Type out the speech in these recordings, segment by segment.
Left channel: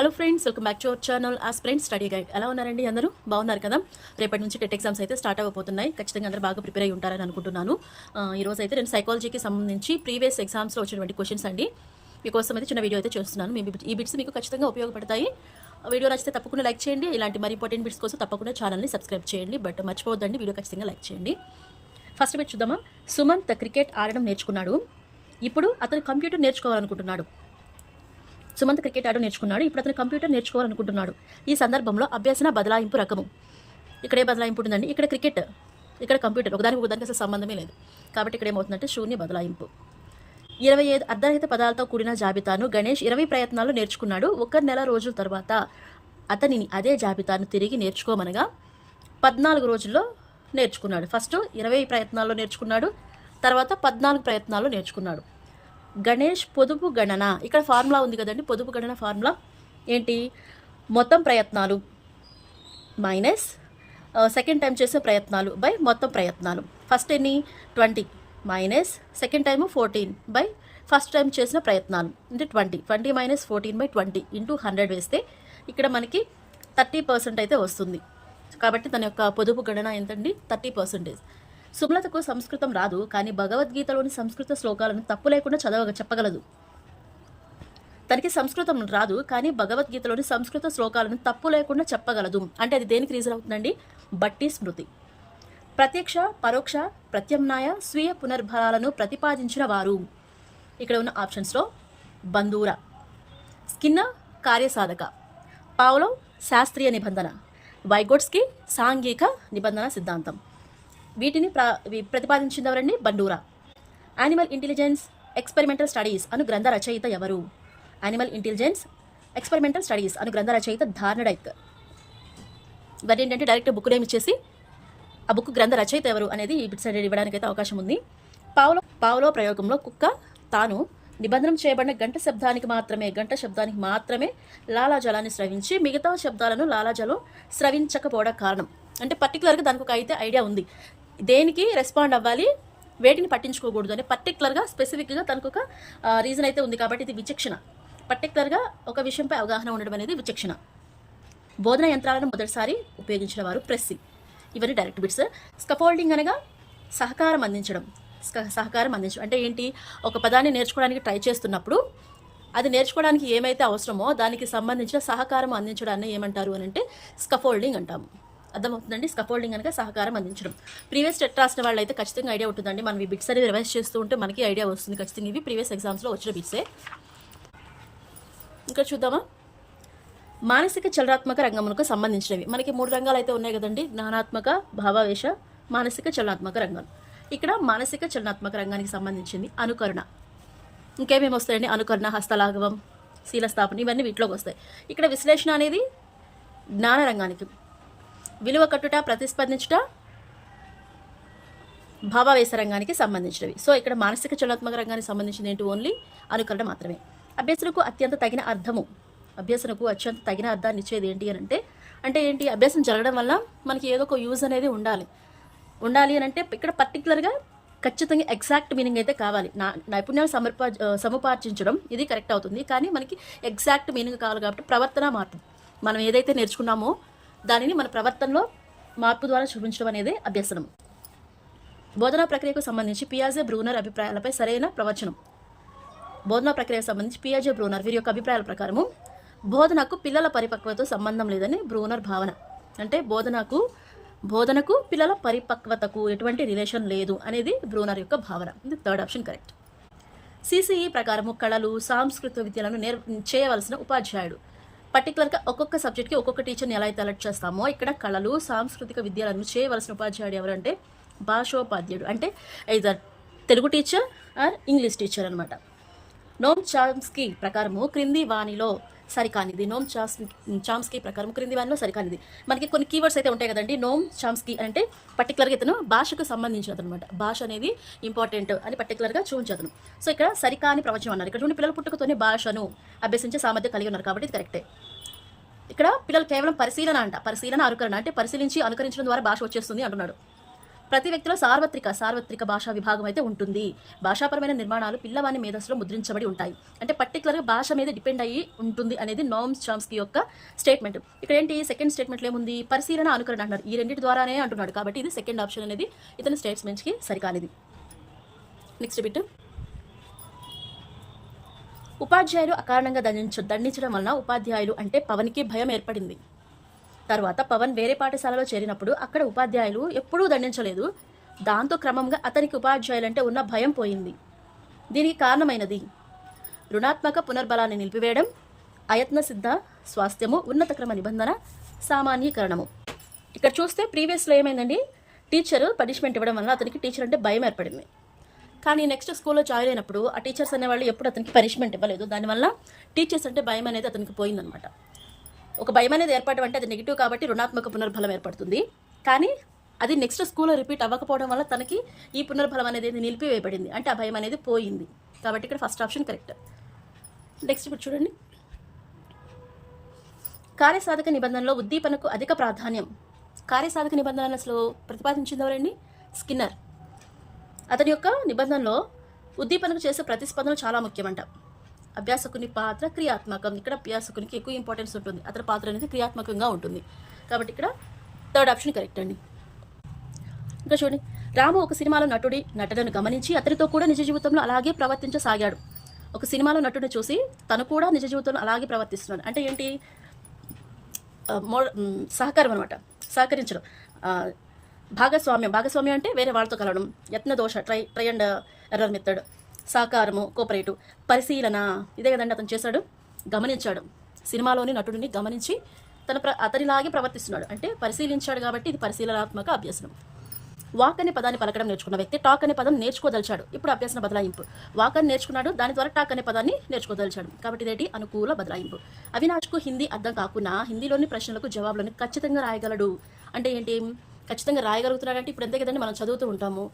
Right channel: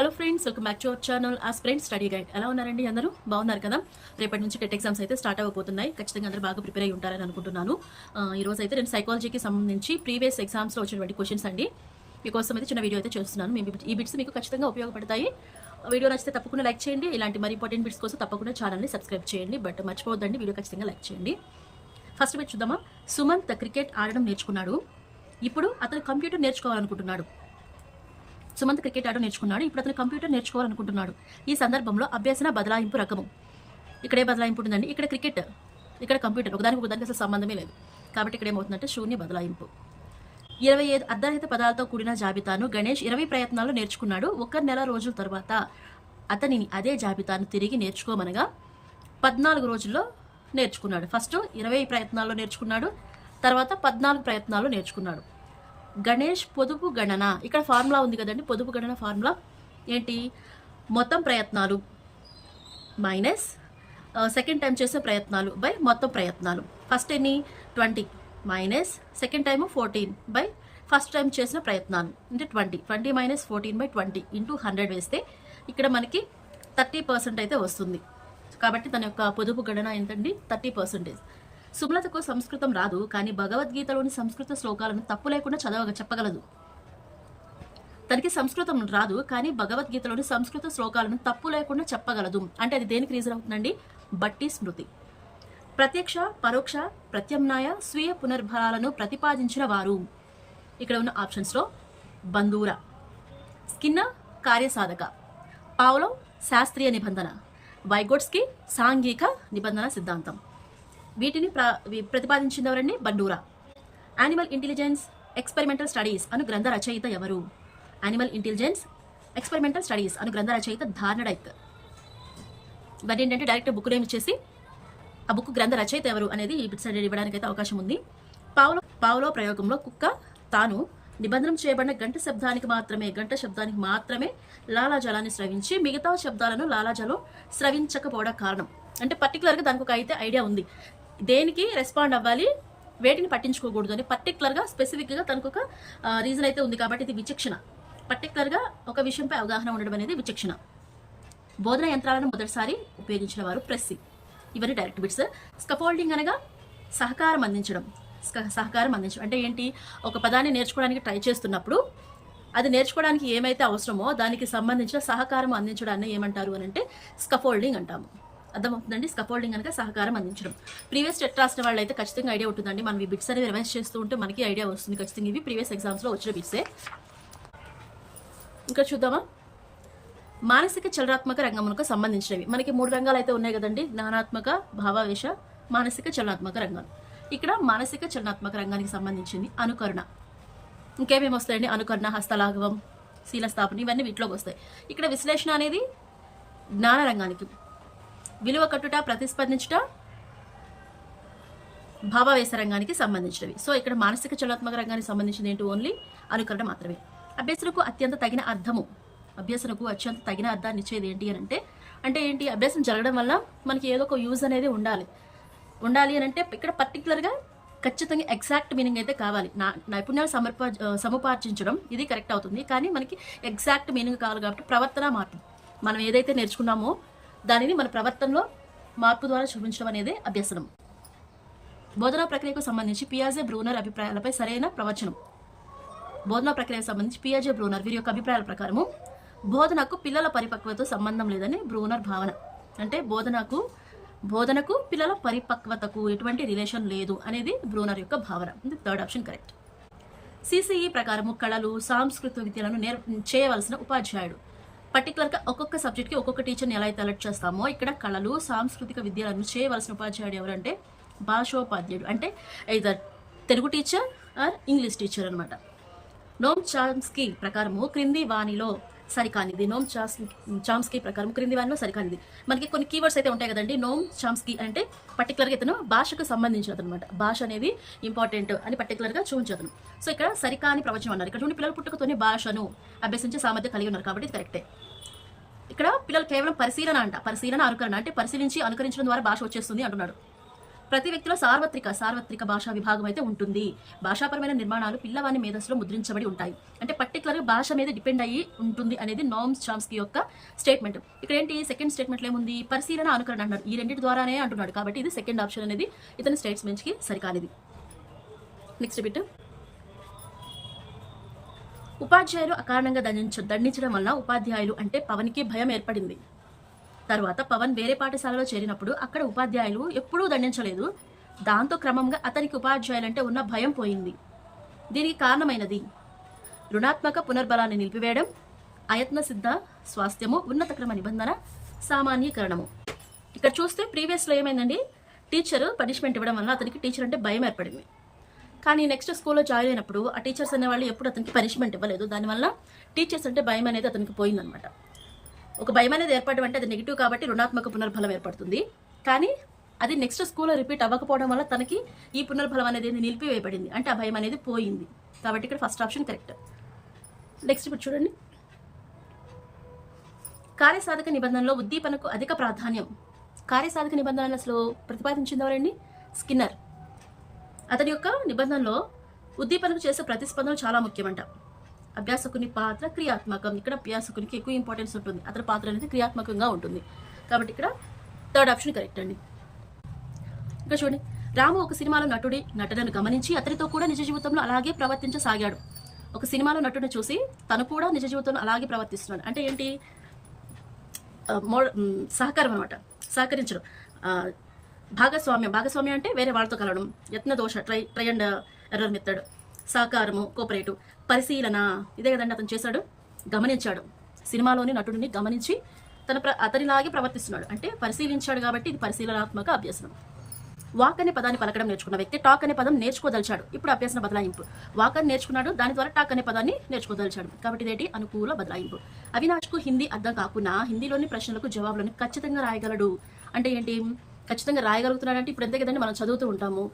Hello friends, welcome back to our channel aspirant study guide. ఎలా ఉన్నారండి? అందరూ బాగున్నారు కదా? రేపటి నుంచి టెట్ ఎగ్జామ్స్ అయితే స్టార్ట్ అవ్వబోతున్నాయి. ఖచ్చితంగా అందరూ బాగా ప్రిపేర్ అయ్యి ఉంటారని అనుకుంటున్నాను. ఈరోజు అయితే నేను సైకాలజీకి సంబంధించి ప్రీవియస్ ఎగ్జామ్స్లో వచ్చినటువంటి క్వశ్చన్స్ అండి మీకోసం అయితే చిన్న వీడియో అయితే చేస్తున్నాను. ఈ బిట్స్ మీకు ఖచ్చితంగా ఉపయోగపడతాయి. వీడియో నచ్చితే తప్పకుండా లైక్ చేయండి. ఇలాంటి మరి ఇంపార్టెంట్ బిట్స్ కోసం తప్పకుండా ఛానల్ని సబ్స్క్రైబ్ చేయండి. బట్ మర్చిపోవద్దండి, వీడియో ఖచ్చితంగా లైక్ చేయండి. ఫస్ట్ బిట్ చూద్దామా. సుమంత్ క్రికెట్ ఆడడం నేర్చుకున్నాడు. ఇప్పుడు అతను కంప్యూటర్ నేర్చుకోవాలనుకుంటున్నాడు. సుమంత్ క్రికెట్ ఆడడం నేర్చుకున్నాడు. ఇప్పుడు అతను కంప్యూటర్ నేర్చుకోవాలనుకుంటున్నాడు. ఈ సందర్భంలో అభ్యసన బదలాయింపు రకము. ఇక్కడ ఏ బదలాయింపు ఉంటుందండి? ఇక్కడ క్రికెట్, ఇక్కడ కంప్యూటర్, ఒకదానికి అసలు సంబంధమే లేదు. కాబట్టి ఇక్కడ ఏమవుతుందంటే శూన్య బదలాయింపు. 25 అర్ధరహిత పదాలతో కూడిన జాబితాను గణేష్ 20 ప్రయత్నాల్లో నేర్చుకున్నాడు. 1 నెల రోజుల తర్వాత అతనిని అదే జాబితాను తిరిగి నేర్చుకోమనగా 14 రోజుల్లో నేర్చుకున్నాడు. ఫస్ట్ 20 ప్రయత్నాల్లో నేర్చుకున్నాడు, తర్వాత 14 ప్రయత్నాల్లో నేర్చుకున్నాడు. గణేష్ పొదుపు గణన, ఇక్కడ ఫార్ములా ఉంది కదండి. పొదుపు గణన ఫార్ములా ఏంటి? మొత్తం ప్రయత్నాలు మైనస్ సెకండ్ టైం చేసే ప్రయత్నాలు బై మొత్తం ప్రయత్నాలు. ఫస్ట్ ఎన్ని? 20 minus second time 14 by first time చేసిన ప్రయత్నాలు అంటే 20 మైనస్ 14 బై 20 ఇంటూ 100 వేస్తే ఇక్కడ మనకి 30% అయితే వస్తుంది. కాబట్టి తన యొక్క పొదుపు గణన ఎంతండి? 30%. సుమలతకు సంస్కృతం రాదు, కానీ భగవద్గీతలోని సంస్కృత శ్లోకాలను తప్పు లేకుండా చెప్పగలదు. తనకి సంస్కృతం రాదు, కానీ భగవద్గీతలోని సంస్కృత శ్లోకాలను తప్పు లేకుండా చెప్పగలదు. అంటే అది దేనికి రీజన్ అవుతుందండి? బట్టి స్మృతి. ప్రత్యక్ష, పరోక్ష, ప్రత్యామ్నాయ, స్వీయ పునర్బలాలను ప్రతిపాదించిన వారు. ఇక్కడ ఉన్న ఆప్షన్స్లో బందూరా, స్కిన్నర్ కార్యసాధక, పావ్లోవ్ శాస్త్రీయ నిబంధన, వైగోట్స్కీ సాంఘిక నిబంధన సిద్ధాంతం. వీటిని ప్రతిపాదించింది ఎవరండి? Bandura. Animal intelligence experimental studies అను గ్రంథ రచయిత ఎవరు? యానిమల్ ఇంటెలిజెన్స్ ఎక్స్పెరిమెంటల్ స్టడీస్ అను గ్రంథ రచయిత థార్నడైక్. ఇవన్నీ ఏంటంటే డైరెక్ట్ బుక్ నేమ్ ఇచ్చేసి ఆ బుక్ గ్రంథ రచయిత ఎవరు అనేది ఈ బిట్స్ అనేది ఇవ్వడానికి అయితే అవకాశం ఉంది. పావ్లో ప్రయోగంలో కుక్క తాను నిబంధన చేయబడిన గంట శబ్దానికి మాత్రమే లాలాజలాన్ని స్రవించి మిగతా శబ్దాలను లాలాజలం స్రవించకపోవడం కారణం. అంటే పర్టికులర్గా దానికి ఒక అయితే ఐడియా ఉంది, దేనికి రెస్పాండ్ అవ్వాలి, వేటిని పట్టించుకోకూడదు అని పర్టికులర్గా స్పెసిఫిక్గా తనకు ఒక రీజన్ అయితే ఉంది. కాబట్టి ఇది విచక్షణ. పర్టికులర్గా ఒక విషయంపై అవగాహన ఉండడం అనేది విచక్షణ. బోధన యంత్రాలను మొదటిసారి ఉపయోగించిన వారు ప్రెస్సింగ్. ఇవన్నీ డైరెక్ట్ బిట్స్. స్కఫోల్డింగ్ అనగా సహకారం అందించడం అంటే ఏంటి? ఒక పదాన్ని నేర్చుకోవడానికి ట్రై చేస్తున్నప్పుడు అది నేర్చుకోవడానికి ఏమైతే అవసరమో దానికి సంబంధించిన సహకారం అందించడాన్ని ఏమంటారు అని అంటే స్కఫోల్డింగ్ అంటాము. అర్థమవుతుందండి? స్కఫోల్డింగ్ అనగా సహకారం అందించడం. ప్రీవియస్ టెట్ రాసిన వాళ్ళు అయితే ఖచ్చితంగా ఐడియా ఉంటుందండి. మనం ఈ బిట్స్ అనేది రివైజ్ చేస్తూ ఉంటే మనకి ఐడియా వస్తుంది ఖచ్చితంగా. ఇవి ప్రీవియస్ ఎగ్జామ్స్లో వచ్చిన బిట్సే. ఇంకా చూద్దామా. మానసిక చలనాత్మక రంగములకు సంబంధించినవి మనకి 3 రంగాలు అయితే ఉన్నాయి కదండి. జ్ఞానాత్మక, భావావేశ, మానసిక చలనాత్మక రంగాలు. ఇక్కడ మానసిక చలనాత్మక రంగానికి సంబంధించింది అనుకరణ. ఇంకేమేమి వస్తాయండి? అనుకరణ, హస్తలాఘవం, శీలస్థాపన, ఇవన్నీ వీటిలోకి వస్తాయి. ఇక్కడ విశ్లేషణ అనేది జ్ఞాన రంగానికి, విలువ కట్టుట, ప్రతిస్పందించుట భావావేశ రంగానికి సంబంధించినవి. సో ఇక్కడ మానసిక చలనాత్మక రంగానికి సంబంధించింది ఏంటి? ఓన్లీ అనుకరణ మాత్రమే. అభ్యసనకు అత్యంత తగిన అర్థాన్ని ఇచ్చేది ఏంటి అని అంటే ఏంటి? అభ్యాసం జరగడం వల్ల మనకి ఏదో ఒక యూజ్ అనేది ఉండాలి అని అంటే ఇక్కడ పర్టికులర్గా ఖచ్చితంగా ఎగ్జాక్ట్ మీనింగ్ అయితే కావాలి. నైపుణ్యాలు సముపార్జించడం ఇది కరెక్ట్ అవుతుంది, కానీ మనకి ఎగ్జాక్ట్ మీనింగ్ కావాలి. కాబట్టి ప్రవర్తన మార్పు, మనం ఏదైతే నేర్చుకున్నామో దానిని మన ప్రవర్తనలో మార్పు ద్వారా చూపించడం అనేది అభ్యసనం. బోధనా ప్రక్రియకు సంబంధించి పియాజే బ్రూనర్ అభిప్రాయాలపై సరైన ప్రవచనం. బోధనా ప్రక్రియకు సంబంధించి పియాజే బ్రూనర్ వీరి యొక్క అభిప్రాయాల ప్రకారము బోధనకు పిల్లల పరిపక్వతతో సంబంధం లేదని బ్రూనర్ భావన. అంటే బోధనకు పిల్లల పరిపక్వతకు ఎటువంటి రిలేషన్ లేదు అనేది బ్రూనర్ యొక్క భావన. ఇది థర్డ్ ఆప్షన్ కరెక్ట్. సిసిఈ ప్రకారము కళలు, సాంస్కృతిక విద్యలను చేయవలసిన ఉపాధ్యాయుడు. పర్టికులర్గా ఒక్కొక్క సబ్జెక్ట్కి ఒక్కొక్క టీచర్ని ఎలా అయితే అలర్ట్ చేస్తామో ఇక్కడ కళలు, సాంస్కృతిక విద్యలను చేయవలసిన ఉపాధ్యాయుడు ఎవరంటే భాషోపాధ్యాయుడు. అంటే either Telugu teacher or English teacher అనమాట. నోమ్ చామ్స్కీ ప్రకారము క్రింది వాణిలో సరికానిది. నోమ్ చామ్స్కీ ప్రకారం క్రింది వాణిలో సరికానిది. మనకి కొన్ని కీవర్డ్స్ అయితే ఉంటాయి కదండి. నోమ్ చామ్స్కీ అంటే పర్టికులర్గా ఇతను భాషకు సంబంధించినది అనమాట. భాష అనేది ఇంపార్టెంట్ అని పర్టికులర్గా చూపించదు. సో ఇక్కడ సరికాని ప్రవచనం అన్నారు. ఇక్కడ పిల్లల పుట్టుకతోనే భాషను అభ్యసించే సామర్థ్యం కలిగి ఉన్నారు కాబట్టి ఇది కరెక్టే. ఇక్కడ పిల్లలు కేవలం పరిశీలన అనుకరణ అంటే పరిశీలించి అనుకరించడం ద్వారా భాష వచ్చేస్తుంది అంటున్నాడు. ప్రతి వ్యక్తిలో సార్వత్రిక భాషా విభాగం అయితే ఉంటుంది. భాషాపరమైన నిర్మాణాలు పిల్లవాని మేధస్సులో ముద్రించబడి ఉంటాయి. అంటే పర్టికులర్గా భాష మీద డిపెండ్ అయ్యి ఉంటుంది అనేది నోమ్ చామ్స్కీ యొక్క స్టేట్మెంట్. ఇక్కడ ఏంటి సెకండ్ స్టేట్మెంట్లో ఏముంది, పరిశీలన అనుకరణ అన్నారు. ఈ రెండింటి ద్వారానే అంటున్నాడు కాబట్టి ఇది సెకండ్ ఆప్షన్ అనేది ఇతని స్టేట్మెంట్స్కి సరికానిది. నెక్స్ట్ బిట్, ఉపాధ్యాయులు అకారణంగా దండించడం వలన ఉపాధ్యాయులు అంటే పవన్కి భయం ఏర్పడింది. తర్వాత పవన్ వేరే పాఠశాలలో చేరినప్పుడు అక్కడ ఉపాధ్యాయులు ఎప్పుడూ దండించలేదు. దాంతో క్రమంగా అతనికి ఉపాధ్యాయులంటే ఉన్న భయం పోయింది. దీనికి కారణమైనది రుణాత్మక పునర్బలాన్ని నిలిపివేయడం, అయత్న సిద్ధ స్వాస్థ్యము, ఉన్నత క్రమ నిబంధన, సామాన్యీకరణము. ఇక్కడ చూస్తే ప్రీవియస్లో ఏమైందండి, టీచర్ పనిష్మెంట్ ఇవ్వడం వల్ల అతనికి టీచర్ అంటే భయం ఏర్పడింది. కానీ నెక్స్ట్ స్కూల్లో జాయిన్ అయినప్పుడు ఆ టీచర్స్ అనేవాళ్ళు ఎప్పుడు అతనికి పనిష్మెంట్ ఇవ్వలేదు. దానివల్ల టీచర్స్ అంటే భయం అనేది అతనికి పోయిందనమాట. ఒక భయం అనేది ఏర్పడడం అంటే అది నెగిటివ్ కాబట్టి రుణాత్మక పునర్బలం ఏర్పడుతుంది. కానీ అది నెక్స్ట్ స్కూల్లో రిపీట్ అవ్వకపోవడం వల్ల తనకి ఈ పునర్బలం అనేది నిలిపివేయబడింది, అంటే ఆ భయం అనేది పోయింది. కాబట్టి ఇక్కడ ఫస్ట్ ఆప్షన్ కరెక్ట్. నెక్స్ట్ ఇప్పుడు చూడండి, కార్యసాధక నిబంధనలో ఉద్దీపనకు అధిక ప్రాధాన్యం. కార్యసాధక నిబంధనలు అసలు ప్రతిపాదించింది ఎవరండి, స్కిన్నర్. అతని యొక్క నిబంధనలో ఉద్దీపనకు చేసే ప్రతిస్పందనలు చాలా ముఖ్యమంట. అభ్యాసకుని పాత్ర క్రియాత్మకం. ఇక్కడ అభ్యాసకునికి ఎక్కువ ఇంపార్టెన్స్ ఉంటుంది, అతని పాత్ర అనేది క్రియాత్మకంగా ఉంటుంది. కాబట్టి ఇక్కడ థర్డ్ ఆప్షన్ కరెక్ట్ అండి. ఇంకా చూడండి, రాము ఒక సినిమాలో నటులను గమనించి అతనితో కూడా నిజ జీవితంలో అలాగే ప్రవర్తించసాగాడు. ఒక సినిమాలో నటుడిని చూసి తను కూడా నిజ జీవితంలో అలాగే ప్రవర్తిస్తున్నాడు. అంటే ఏంటి, సహకారం అనమాట, సహకరించడం. భాగస్వామ్యం అంటే వేరే వాళ్ళతో కలవడం. యత్న దోష, ట్రై అండ్ ఎర్రర్ మెథడ్. సహకారము, కోఆపరేటివ్. పరిశీలన, ఇదే కదండి అతను చేశాడు, గమనించాడు. సినిమాలోని నటుడిని గమనించి అతనిలాగే ప్రవర్తిస్తున్నాడు, అంటే పరిశీలించాడు కాబట్టి ఇది పరిశీలనాత్మక అభ్యసనం. వాక్ అనే పదాన్ని పలకడం నేర్చుకున్న వ్యక్తి టాక్ అనే పదం నేర్చుకోదలిచాడు. ఇప్పుడు అభ్యసన బదలాయింపు. వాక్ అని నేర్చుకున్నాడు, దాని ద్వారా టాక్ అనే పదాన్ని నేర్చుకోదలిచాడు. కాబట్టి ఇదేంటి, అనుకూల బదలాయింపు. అవినాష్కు హిందీ అర్థం కాకున్నా హిందీలోని ప్రశ్నలకు జవాబులను ఖచ్చితంగా రాయగలడు. అంటే ఏంటి, ఖచ్చితంగా రాయగలుగుతున్నాడు అంటే ఇప్పుడు అంతే కదండి, మనం చదువుతూ ఉంటాము,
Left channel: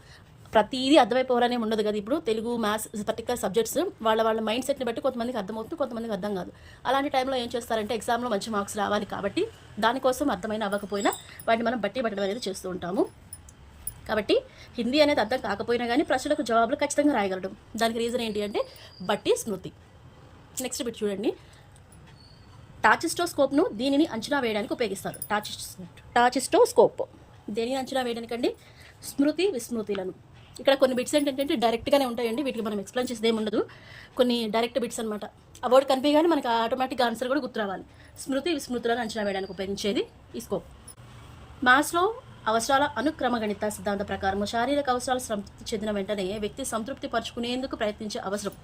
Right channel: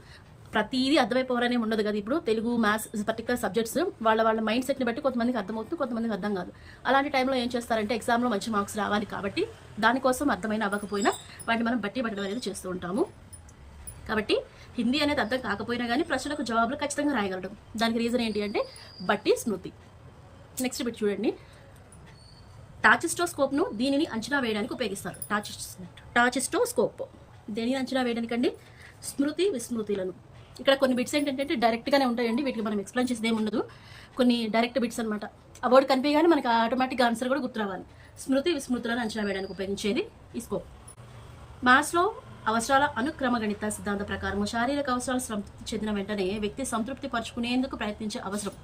ప్రతిదీ అర్థమైపోవాలనే ఉండదు కదా. ఇప్పుడు తెలుగు, మ్యాథ్స్, పర్టికులర్ సబ్జెక్ట్స్ వాళ్ళ మైండ్ సెట్ని బట్టి కొంతమందికి అర్థమవుతుంది, కొంతమందికి అర్థం కాదు. అలాంటి టైంలో ఏం చేస్తారంటే ఎగ్జామ్లో మంచి మార్క్స్ రావాలి కాబట్టి దానికోసం అర్థమైన అవ్వకపోయినా వాటిని మనం బట్టి పట్టడం అనేది చేస్తూ ఉంటాము. కాబట్టి హిందీ అనేది అర్థం కాకపోయినా కానీ ప్రశ్నలకు జవాబులు ఖచ్చితంగా రాయగలడం. దానికి రీజన్ ఏంటి అంటే బట్టి స్మృతి. నెక్స్ట్ బిట్ చూడండి, టాచిస్టోస్కోప్ను దీనిని అంచనా వేయడానికి ఉపయోగిస్తారు. టాచిస్టోస్కోప్ దేనిని అంచనా వేయడానికండి, స్మృతి విస్మృతులను. ఇక్కడ కొన్ని బిట్స్ ఏంటంటే డైరెక్ట్గానే ఉంటాయండి, వీటికి మనం ఎక్స్ప్లెయిన్ చేసేది ఏమి ఉండదు. కొన్ని డైరెక్ట్ బిట్స్ అనమాట. ఆ వర్డ్ కనిపించగానే మనకి ఆటోమేటిక్గా ఆన్సర్ కూడా గుర్తు రావాలి. స్మృతి విస్మృతులను అంచనా వేయడానికి ఉపయోగించేది ఈ స్కోప్. మ్యాథ్స్లో అవసరాల అనుక్రమ గణిత సిద్ధాంతం ప్రకారం శారీరక అవసరాలు సంతృప్తి చెందిన వెంటనే వ్యక్తి సంతృప్తి పరుచుకునేందుకు ప్రయత్నించే అవసరం.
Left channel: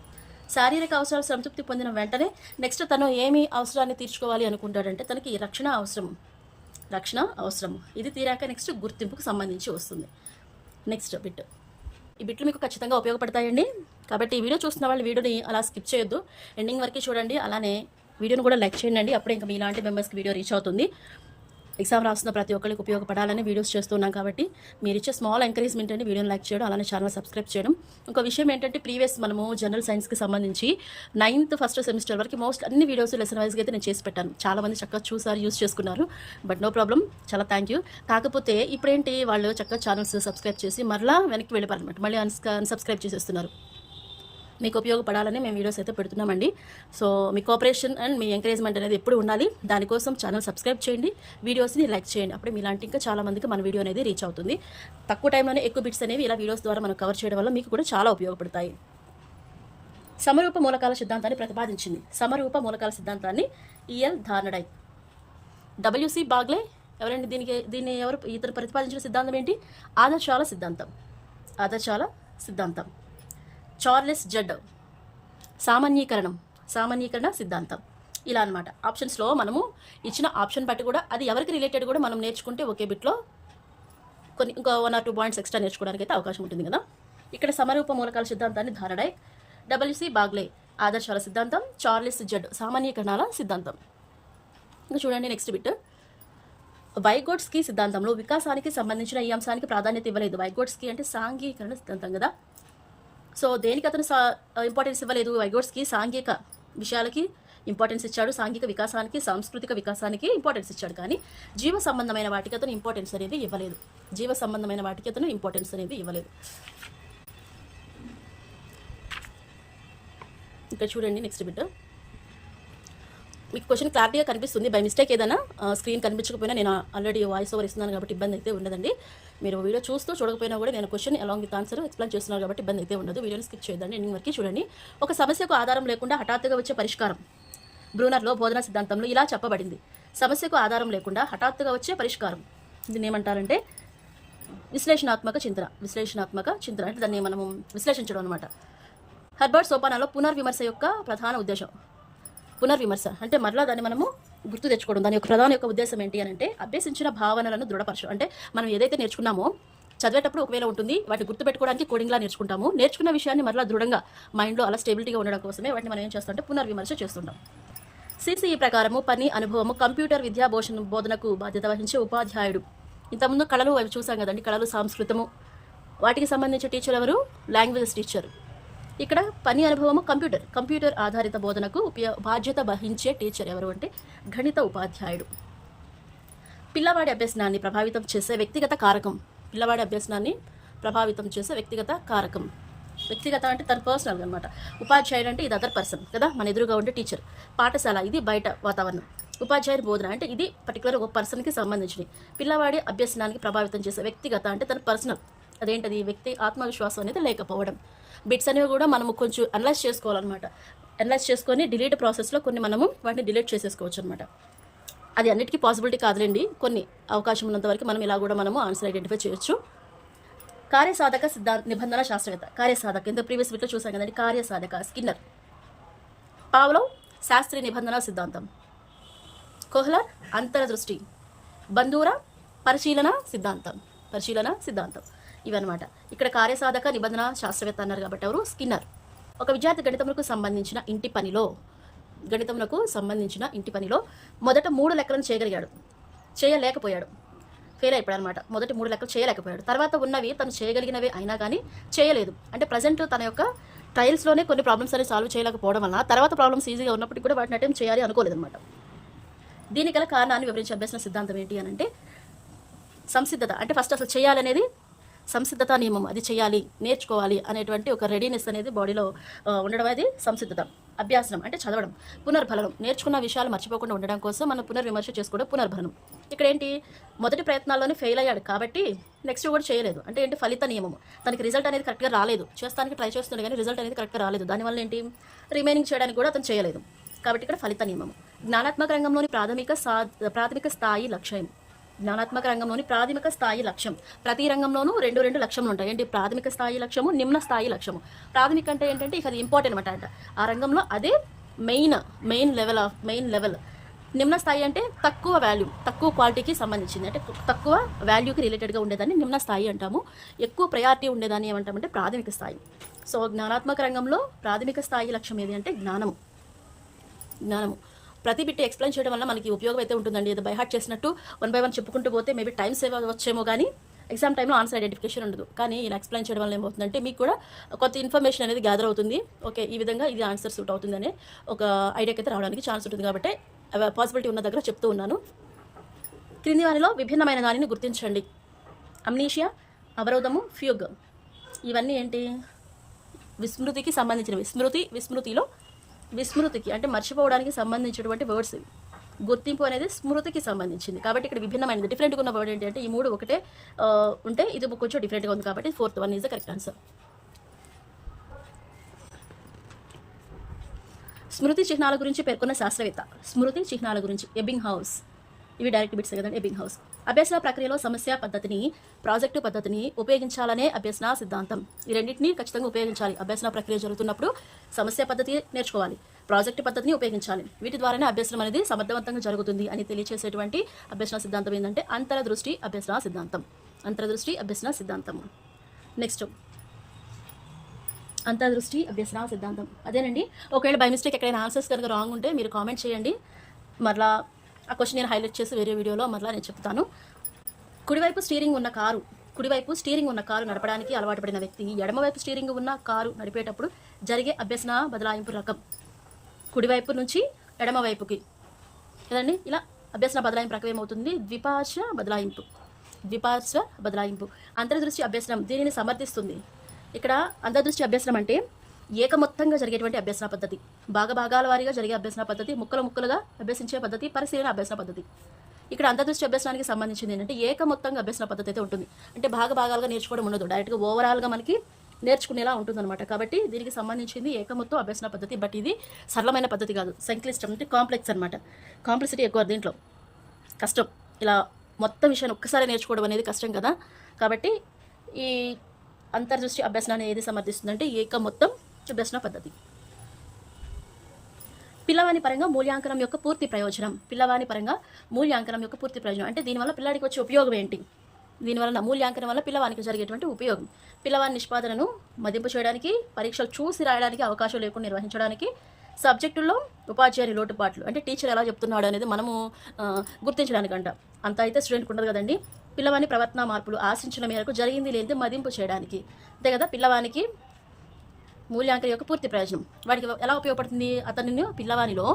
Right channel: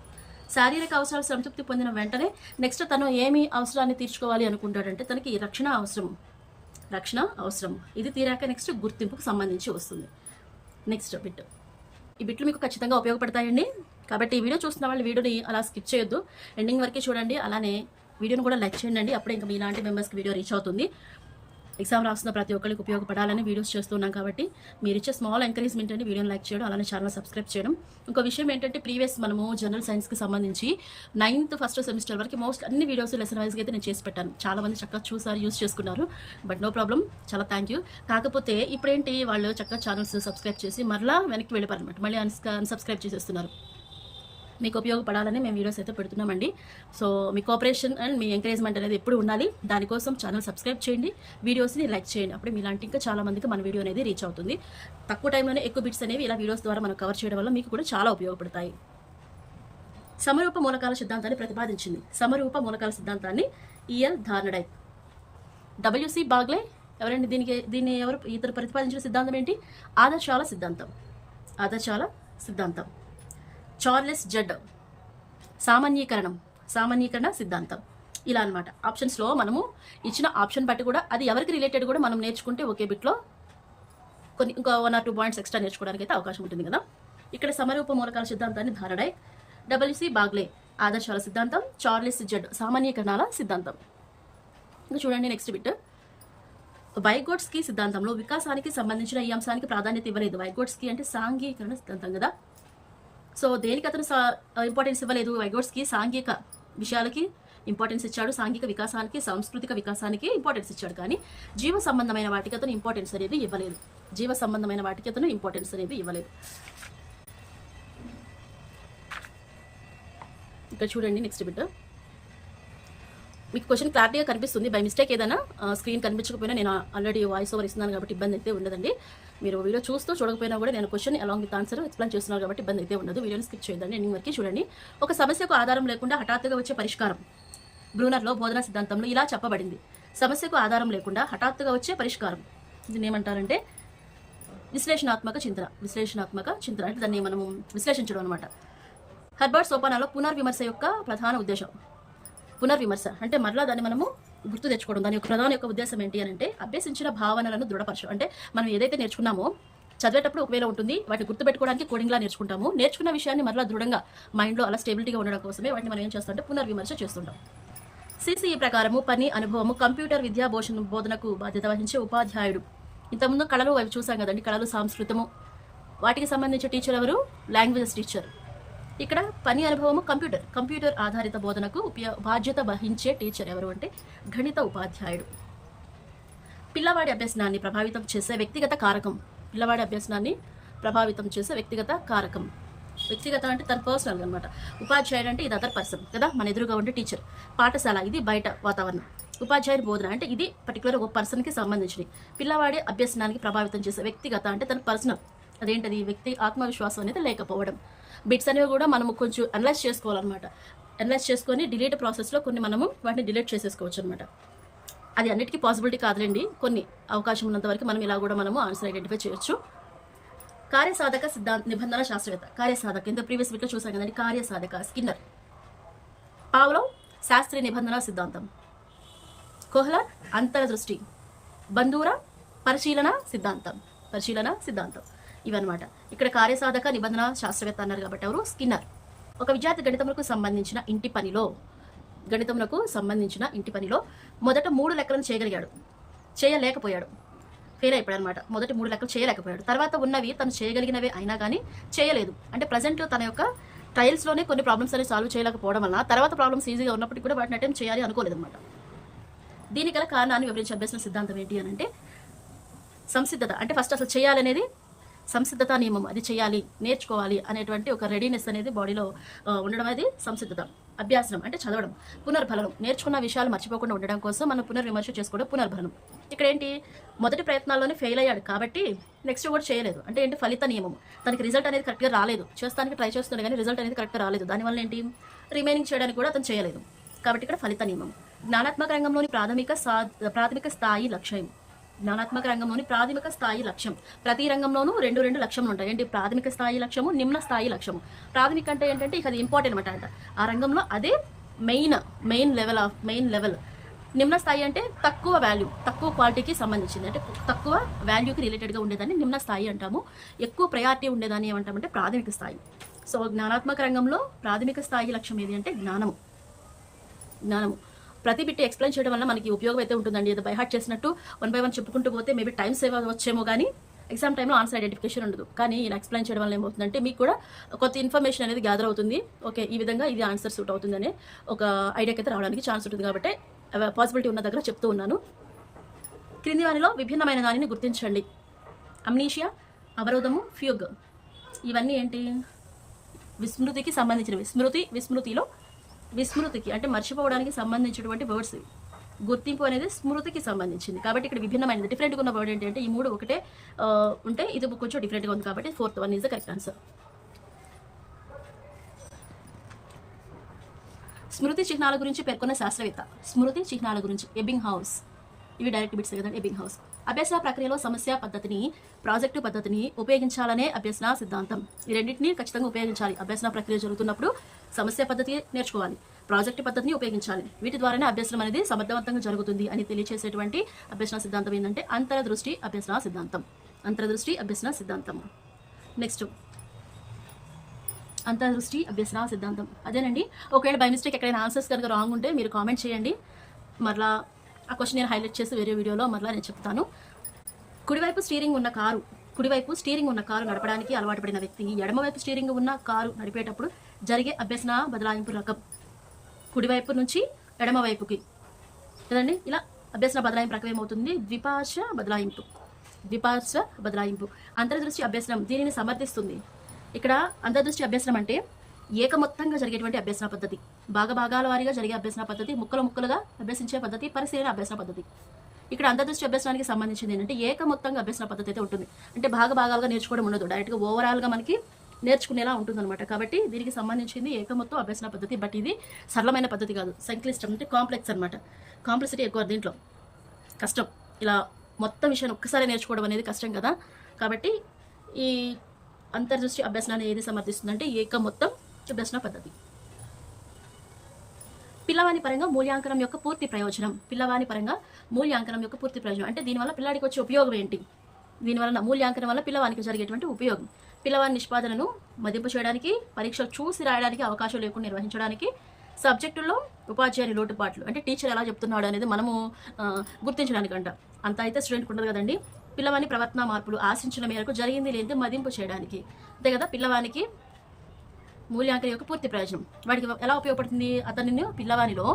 శారీరక అవసరాలు సంతృప్తి పొందిన వెంటనే నెక్స్ట్ తను ఏమి అవసరాన్ని తీర్చుకోవాలి అనుకుంటాడంటే తనకి రక్షణ అవసరం. ఇది తీరాక నెక్స్ట్ గుర్తింపుకు సంబంధించి వస్తుంది. Next bit. ఈ బిట్లు మీకు ఖచ్చితంగా ఉపయోగపడతాయండి. కాబట్టి ఈ వీడియో చూస్తున్న వాళ్ళు వీడియోని అలా స్కిప్ చేయొద్దు, ఎండింగ్ వరకు చూడండి. అలానే వీడియోని కూడా లైక్ చేయండి, అప్పుడే ఇంకా మీలాంటి మెంబర్స్కి వీడియో రీచ్ అవుతుంది. ఎగ్జామ్ రాస్తున్న ప్రతి ఒక్కరికి ఉపయోగపడాలని వీడియోస్ చేస్తున్నాం కాబట్టి మీరు ఇచ్చే స్మాల్ ఎంకరేజ్మెంట్ అని వీడియోని లైక్ చేయడం, అలానే ఛానల్ సబ్స్క్రైబ్ చేయడం. ఇంకో విషయం ఏంటంటే ప్రీవియస్ మనము జనరల్ సైన్స్కి సంబంధించి 9th ఫస్ట్ సెమిస్టర్ వరకు మోస్ట్ అన్ని వీడియోస్ లెసన్ వైజ్గా అయితే నేను చేసి పెట్టాను. చాలామంది చక్కగా చూసారు, యూస్ చేసుకున్నారు. బట్ నో ప్రాబ్లం, చాలా థ్యాంక్ యూ. కాకపోతే ఇప్పుడేంటి వాళ్ళు చక్కగా ఛానల్స్ సబ్స్క్రైబ్ చేసి మరలా వెనక్కి వెళ్ళిపోయారనమాట, మళ్ళీ అన్సబ్స్క్రైబ్ చేసేస్తున్నారు. మీకు ఉపయోగపడాలని మేము వీడియోస్ అయితే పెడుతున్నామండి. సో మీ కోఆపరేషన్ అండ్ మీ ఎంకరేజ్మెంట్ అనేది ఎప్పుడు ఉండాలి. దానికోసం ఛానల్ సబ్స్క్రైబ్ చేయండి, వీడియోస్ని లైక్ చేయండి. అప్పుడు మీలాంటి ఇంకా చాలా మందికి మన వీడియో అనేది రీచ్ అవుతుంది. తక్కువ టైంలోనే ఎక్కువ బిట్స్ అనేవి ఇలా వీడియోస్ ద్వారా మనం కవర్ చేయడం వల్ల మీకు కూడా చాలా ఉపయోగపడతాయి. సమరూప మూలకాల సిద్ధాంతాన్ని ప్రతిపాదించింది. సమరూప మూలకాల సిద్ధాంతాన్ని ఈఎల్ థార్నడైట్. డబ్ల్యూసి బాగ్లే ఎవరండి, దీన్ని ఇతరు ప్రతిపాదించిన సిద్ధాంతం ఏంటి, ఆదర్శాల సిద్ధాంతం. చార్లెస్ జడ్ సామాన్యీకరణ సిద్ధాంతం. ఇలా అనమాట. ఆప్షన్స్లో మనము ఇచ్చిన ఆప్షన్ బట్టి కూడా అది ఎవరికి రిలేటెడ్ కూడా మనం నేర్చుకుంటే ఒకే బిట్లో కొన్ని ఇంకా 1 or 2 పాయింట్స్ ఎక్స్ట్రా నేర్చుకోవడానికి అయితే అవకాశం ఉంటుంది కదా. ఇక్కడ సమరూప మూలకాల సిద్ధాంతాన్ని థార్నడైట్, డబ్ల్యూసి బాగ్లే ఆదర్శాల సిద్ధాంతం, చార్లెస్ జడ్ సామాన్యీకరణాల సిద్ధాంతం. ఇంకా చూడండి నెక్స్ట్ బిట్. వైగోట్స్కీ సిద్ధాంతంలో వికాసానికి సంబంధించిన ఈ అంశానికి ప్రాధాన్యత ఇవ్వలేదు. వైగోట్స్కీ అంటే సాంఘికరణ సిద్ధాంతం కదా. సో దేనికి అతను ఇంపార్టెన్స్ ఇవ్వలేదు, వైగోట్స్కీ సాంఘిక విషయాలకి ఇంపార్టెన్స్ ఇచ్చాడు. సాంఘిక వికాసానికి, సాంస్కృతిక వికాసానికి ఇంపార్టెన్స్ ఇచ్చాడు. కానీ జీవ సంబంధమైన వాటికి అతను ఇంపార్టెన్స్ అనేది ఇవ్వలేదు. జీవ సంబంధమైన వాటికి అతను ఇంపార్టెన్స్ అనేది ఇవ్వలేదు. ఇక్కడ చూడండి నెక్స్ట్ బిట్. మీకు క్వశ్చన్ క్లారిటీగా కనిపిస్తుంది. బై మిస్టేక్ ఏదైనా స్క్రీన్ కనిపించకపోయినా నేను ఆల్రెడీ వాయిస్ ఓవర్ ఇస్తున్నాను కాబట్టి ఇబ్బంది అయితే ఉండదండి. మీరు వీడియో చూస్తూ చూడకపోయినా కూడా నేను question along with answer explain చేస్తున్నాను కాబట్టి ఇబ్బంది అయితే ఉండదు. వీడియోని స్కిప్ చేయదండి, ఎండింగ్ వరకు చూడండి. ఒక సమస్యకు ఆధారం లేకుండా హఠాత్తుగా వచ్చే పరిష్కారం. బ్రూనర్లో బోధనా సిద్ధాంతంలో ఇలా చెప్పబడింది. సమస్యకు ఆధారం లేకుండా హఠాత్తుగా వచ్చే పరిష్కారం. దీన్ని ఏమంటారంటే విశ్లేషణాత్మక చింతన. విశ్లేషణాత్మక చింతన అంటే దాన్ని మనము విశ్లేషించడం అనమాట. హెర్బర్ట్ సోపానాలో పునర్విమర్శ యొక్క ప్రధాన ఉద్దేశం. పునర్విమర్శ అంటే మరలా దాన్ని మనము గుర్తు తెచ్చుకోవడం. దాని యొక్క ప్రధాన యొక్క ఉద్దేశం ఏంటి అని అంటే అభ్యసించిన భావనలను దృఢపరచడం. అంటే మనం ఏదైతే నేర్చుకున్నామో చదివేటప్పుడు ఒకవేళ ఉంటుంది, వాటిని గుర్తుపెట్టుకోవడానికి కోడింగ్లా నేర్చుకుంటాము. నేర్చుకున్న విషయాన్ని మరలా దృఢంగా మైండ్లో అలా స్టేబిలిటీగా ఉండడం కోసమే వాటిని మనం ఏం చేస్తామంటే పునర్విమర్శ చేస్తుంటాం. సిసిఈ ప్రకారము పని అనుభవము కంప్యూటర్ విద్యా బోధనకు బాధ్యత వహించే ఉపాధ్యాయుడు. ఇంతకుముందు కళలు అవి చూసాం కదండి, కళలు, సంస్కృతము వాటికి సంబంధించిన టీచర్ ఎవరు? Languages teacher. ఇక్కడ పని అనుభవము కంప్యూటర్ ఆధారిత బోధనకు బాధ్యత వహించే టీచర్ ఎవరు అంటే గణిత ఉపాధ్యాయుడు. పిల్లవాడి అభ్యసనాన్ని ప్రభావితం చేసే వ్యక్తిగత కారకం. పిల్లవాడి అభ్యసనాన్ని ప్రభావితం చేసే వ్యక్తిగత కారకం. వ్యక్తిగత అంటే తన పర్సనల్ అనమాట. ఉపాధ్యాయుడు అంటే ఇది అదర్ పర్సన్ కదా, మన ఎదురుగా ఉండే టీచర్. పాఠశాల ఇది బయట వాతావరణం. ఉపాధ్యాయుడి బోధన అంటే ఇది పర్టికులర్ ఒక పర్సన్కి సంబంధించినది. పిల్లవాడి అభ్యసనానికి ప్రభావితం చేసే వ్యక్తిగత అంటే తన పర్సనల్. అదేంటది? వ్యక్తి ఆత్మవిశ్వాసం అనేది లేకపోవడం. బిట్స్ అనేవి కూడా మనము కొంచెం అనలైజ్ చేసుకోవాలన్నమాట. అనలైజ్ చేసుకొని డిలీట్ ప్రాసెస్లో కొన్ని మనము వాటిని డిలీట్ చేసేసుకోవచ్చు అనమాట. అది అన్నిటికీ పాసిబిలిటీ కాదులేండి, కొన్ని అవకాశం ఉన్నంత వరకు మనం ఇలా కూడా మనము ఆన్సర్ ఐడెంటిఫై చేయొచ్చు. కార్యసాధక సిద్ధాంత నిబంధన శాస్త్రవేత్త. కార్యసాధక ఇంత ప్రీవియస్ వీక్లో చూసాం కదండి. కార్యసాధక స్కిన్నర్. పావ్లోవ్ శాస్త్రీయ నిబంధన సిద్ధాంతం. కోహ్లర్ అంతర్దృష్టి. బందూరా పరిశీలన సిద్ధాంతం. ఇవన్నమాట. ఇక్కడ కార్యసాధక నిబంధన శాస్త్రవేత్త అన్నారు కాబట్టి ఎవరు? స్కిన్నర్. ఒక విద్యార్థి గణితములకు సంబంధించిన ఇంటి పనిలో మొదట 3 లెక్కలను చేయలేకపోయాడు. ఫెయిల్ అయిపోయాడు అనమాట. మొదటి 3 లెక్కలు చేయలేకపోయాడు. తర్వాత ఉన్నవి తను చేయగలిగినవే అయినా కానీ చేయలేదు. అంటే ప్రజెంట్ తన యొక్క ట్రయల్స్లోనే కొన్ని ప్రాబ్లమ్స్ అనేవి సాల్వ్ చేయలేకపోవడం వల్ల తర్వాత ప్రాబ్లమ్స్ ఈజీగా ఉన్నప్పటికీ కూడా వాటిని అటెంప్ట్ చేయాలి అనుకోలేదు అనమాట. దీనికి గల కారణాన్ని వివరించే అభ్యసన సిద్ధాంతం ఏంటి అని అంటే సంసిద్ధత. అంటే ఫస్ట్ అసలు చేయాలనేది సంసిద్ధత నియమం. అది చేయాలి, నేర్చుకోవాలి అనేటువంటి ఒక రెడీనెస్ అనేది బాడీలో ఉండడం, అది సంసిద్ధత. అభ్యాసనం అంటే చదవడం. పునర్బలనం నేర్చుకున్న విషయాలు మర్చిపోకుండా ఉండడం కోసం మనం పునర్విమర్శ చేసుకోవడం పునర్బలనం. ఇక్కడ ఏంటి? మొదటి ప్రయత్నాల్లోనే ఫెయిల్ అయ్యాడు కాబట్టి నెక్స్ట్ కూడా చేయలేదు. అంటే ఏంటి? ఫలిత నియమం. తనకి రిజల్ట్ అనేది కరెక్ట్గా రాలేదు. చేస్తానికి ట్రై చేస్తున్నాడు కానీ రిజల్ట్ అనేది కరెక్ట్గా రాలేదు. దానివల్ల ఏంటి? రిమైనింగ్ చేయడానికి కూడా అతను చేయలేదు. కాబట్టి ఇక్కడ ఫలిత నియమం. జ్ఞానాత్మక రంగంలోని ప్రాథమిక స్థాయి లక్ష్యం. జ్ఞానాత్మక రంగంలోని ప్రాథమిక స్థాయి లక్ష్యం. ప్రతి రంగంలోనూ 2 లక్ష్యములు ఉంటాయి. ఏంటి? ప్రాథమిక స్థాయి లక్ష్యము, నిమ్న స్థాయి లక్ష్యము. ప్రాథమిక అంటే ఏంటంటే ఇక అది ఇంపార్టెంట్ అనమాట. ఆ రంగంలో అదే మెయిన్ లెవెల్. నిమ్న స్థాయి అంటే తక్కువ వాల్యూ, తక్కువ క్వాలిటీకి సంబంధించింది. అంటే తక్కువ వాల్యూకి రిలేటెడ్గా ఉండేదాన్ని నిమ్న స్థాయి అంటాము. ఎక్కువ ప్రయారిటీ ఉండేదాన్ని ఏమంటామంటే ప్రాథమిక స్థాయి. సో జ్ఞానాత్మక రంగంలో ప్రాథమిక స్థాయి లక్ష్యం ఏది అంటే జ్ఞానము. ప్రతి బిట్ ఎక్స్ప్లెయిన్ చేయడం వల్ల మనకి ఉపయోగం అయితే ఉంటుందండి. ఏదో బై హార్ట్ చేసినట్టు 1 by 1 చెప్పుకుంటూ పోతే మేబీ టైం సేవ్ అవ్వచ్చేమో కానీ ఎగ్జామ్ టైంలో ఆన్సర్ ఐడెంటిఫికేషన్ ఉండదు. కానీ ఇలా ఎక్స్ప్లెయిన్ చేయడం వల్ల ఏమవుతుందంటే మీకు కూడా కొత్త ఇన్ఫర్మేషన్ అనేది గ్యాదర్ అవుతుంది. ఓకే, ఈ విధంగా ఇది ఆన్సర్ సూట్ అవుతుందనే ఒక ఐడియాకి అయితే రావడానికి ఛాన్స్ ఉంటుంది. కాబట్టి పాసిబిలిటీ ఉన్న దగ్గర చెప్తూ ఉన్నాను. క్రింది వానిలో విభిన్నమైన దానిని గుర్తించండి. అమ్నీషియా, అవరోధము, ఫ్యూగ్. ఇవన్నీ ఏంటి? విస్మృతికి సంబంధించినవి. విస్మృతికి అంటే మర్చిపోవడానికి సంబంధించినటువంటి వర్డ్స్. గుర్తింపు అనేది స్మృతికి సంబంధించింది కాబట్టి ఇక్కడ విభిన్నమైనది, డిఫరెంట్గా ఉన్న వర్డ్ ఏంటి అంటే ఈ 3 ఒకటే ఉంటే ఇది కొంచెం డిఫరెంట్గా ఉంది కాబట్టి 4th one is the correct answer. స్మృతి చిహ్నాల గురించి పేర్కొన్న శాస్త్రవేత్త. స్మృతి చిహ్నాల గురించి ఎబ్బింగ్ హౌస్. ఇవి డైరెక్ట్ బిట్స్ కదండి. Ebbinghaus. అభ్యసన ప్రక్రియలో సమస్య పద్ధతిని, ప్రాజెక్టు పద్ధతిని ఉపయోగించాలనే అభ్యసన సిద్ధాంతం. ఈ రెండింటిని ఖచ్చితంగా ఉపయోగించాలి. అభ్యసన ప్రక్రియ జరుగుతున్నప్పుడు సమస్య పద్ధతి నేర్చుకోవాలి, ప్రాజెక్టు పద్ధతిని ఉపయోగించాలి. వీటి ద్వారానే అభ్యసనం అనేది సమర్థవంతంగా జరుగుతుంది అని తెలియచేసేటువంటి అభ్యసన సిద్ధాంతం ఏంటంటే అంతర్దృష్టి అభ్యసన సిద్ధాంతం. నెక్స్ట్ అంతర్దృష్టి అభ్యసన సిద్ధాంతం అదేనండి. ఒకవేళ బై మిస్టేక్ ఎక్కడైనా ఆన్సర్స్ కనుక రాంగ్ ఉంటే మీరు కామెంట్ చేయండి. మరలా ఆ క్వశ్చన్ నేను హైలైట్ చేసి వేరే వీడియోలో మరలా నేను చెప్తాను. కుడివైపు స్టీరింగ్ ఉన్న కారు నడపడానికి అలవాటు పడిన వ్యక్తి ఎడమవైపు స్టీరింగ్ ఉన్న కారు నడిపేటప్పుడు జరిగే అభ్యసన బదలాయింపు రకం. కుడివైపు నుంచి ఎడమ వైపుకి కదండి. ఇలా అభ్యసన బదలాయింపు ప్రక్రియ ఏమవుతుంది? ద్విపార్శ్వ బదలాయింపు. ద్విపార్శ్వ బదలాయింపు. అంతర్దృష్టి అభ్యసనం దీనిని సమర్థిస్తుంది. ఇక్కడ అంతర్దృష్టి అభ్యసనం అంటే ఏకమొత్తంగా జరిగేటువంటి అభ్యసన పద్ధతి, భాగాల వారీగా జరిగే అభ్యసన పద్ధతి, ముక్కలుగా అభ్యసించే పద్ధతి, పరిశీలన అభ్యసన పద్ధతి. ఇక్కడ అంతర్దృష్టి అభ్యసనానికి సంబంధించింది ఏంటంటే ఏకమొత్తంగా అభ్యసన పద్ధతి అయితే ఉంటుంది. అంటే భాగాలుగా నేర్చుకోవడం ఉండదు, డైరెక్ట్గా ఓవరాల్గా మనకి నేర్చుకునేలా ఉంటుందన్నమాట. కాబట్టి దీనికి సంబంధించింది ఏకమొత్తం అభ్యసన పద్ధతి. బట్ ఇది సరళమైన పద్ధతి కాదు, సంక్లిష్టం అంటే కాంప్లెక్స్ అనమాట. కాంప్లెక్సిటీ ఎక్కువ దీంట్లో, కష్టం. ఇలా మొత్తం విషయాన్ని ఒక్కసారి నేర్చుకోవడం అనేది కష్టం కదా. కాబట్టి ఈ అంతర్దృష్టి అభ్యసనాన్ని ఏది సమర్థిస్తుందంటే ఏకమొత్తం అభ్యసన పద్ధతి. పిల్లవాని పరంగా మూల్యాంకనం యొక్క పూర్తి ప్రయోజనం. పిల్లవాని పరంగా మూల్యాంకనం యొక్క పూర్తి ప్రయోజనం అంటే దీనివల్ల పిల్లాడికి వచ్చే ఉపయోగం ఏంటి? దీనివల్ల మూల్యాంకనం వల్ల పిల్లవానికి జరిగేటువంటి ఉపయోగం, పిల్లవాని నిష్పాదనను మదింపు చేయడానికి, పరీక్షలు చూసి రాయడానికి అవకాశం లేకుండా నిర్వహించడానికి, సబ్జెక్టుల్లో ఉపాధ్యాయుని లోటుపాట్లు అంటే టీచర్ ఎలా చెప్తున్నాడు అనేది మనము గుర్తించడానికంట. అంత అయితే స్టూడెంట్కి ఉండదు కదండి. పిల్లవాని ప్రవర్తన మార్పులు ఆశించిన మేరకు జరిగింది లేనిది మదింపు చేయడానికి. అంతే కదా. పిల్లవానికి మూల్యాంకనం యొక్క పూర్తి ప్రయోజనం వాడికి ఎలా ఉపయోగపడుతుంది? అతనిని పిల్లవానిలో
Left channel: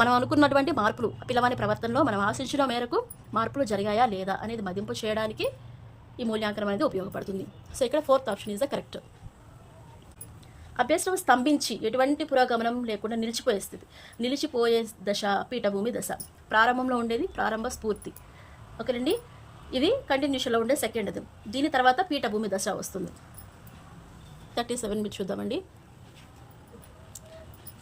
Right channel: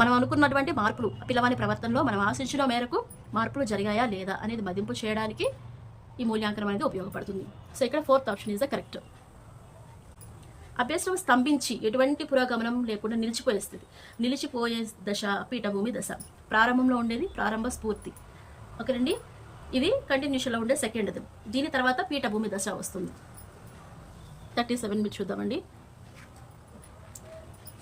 మనం అనుకున్నటువంటి మార్పులు, పిల్లవాని ప్రవర్తనలో మనం ఆశించిన మేరకు మార్పులు జరిగాయా లేదా అనేది మదింపు చేయడానికి ఈ మూల్యాంకనం అనేది ఉపయోగపడుతుంది. సో ఇక్కడ 4th option is the correct. అభ్యసనం స్తంభించి ఎటువంటి పురోగమనం లేకుండా నిలిచిపోయే స్థితి. నిలిచిపోయే దశ పీఠభూమి దశ. ప్రారంభంలో ఉండేది ప్రారంభ స్ఫూర్తి, ఓకేనండి. ఇది కంటిన్యూషన్లో ఉండే సెకండ్ దశ. దీని తర్వాత పీఠభూమి దశ వస్తుంది. 37 మీరు చూద్దామండి.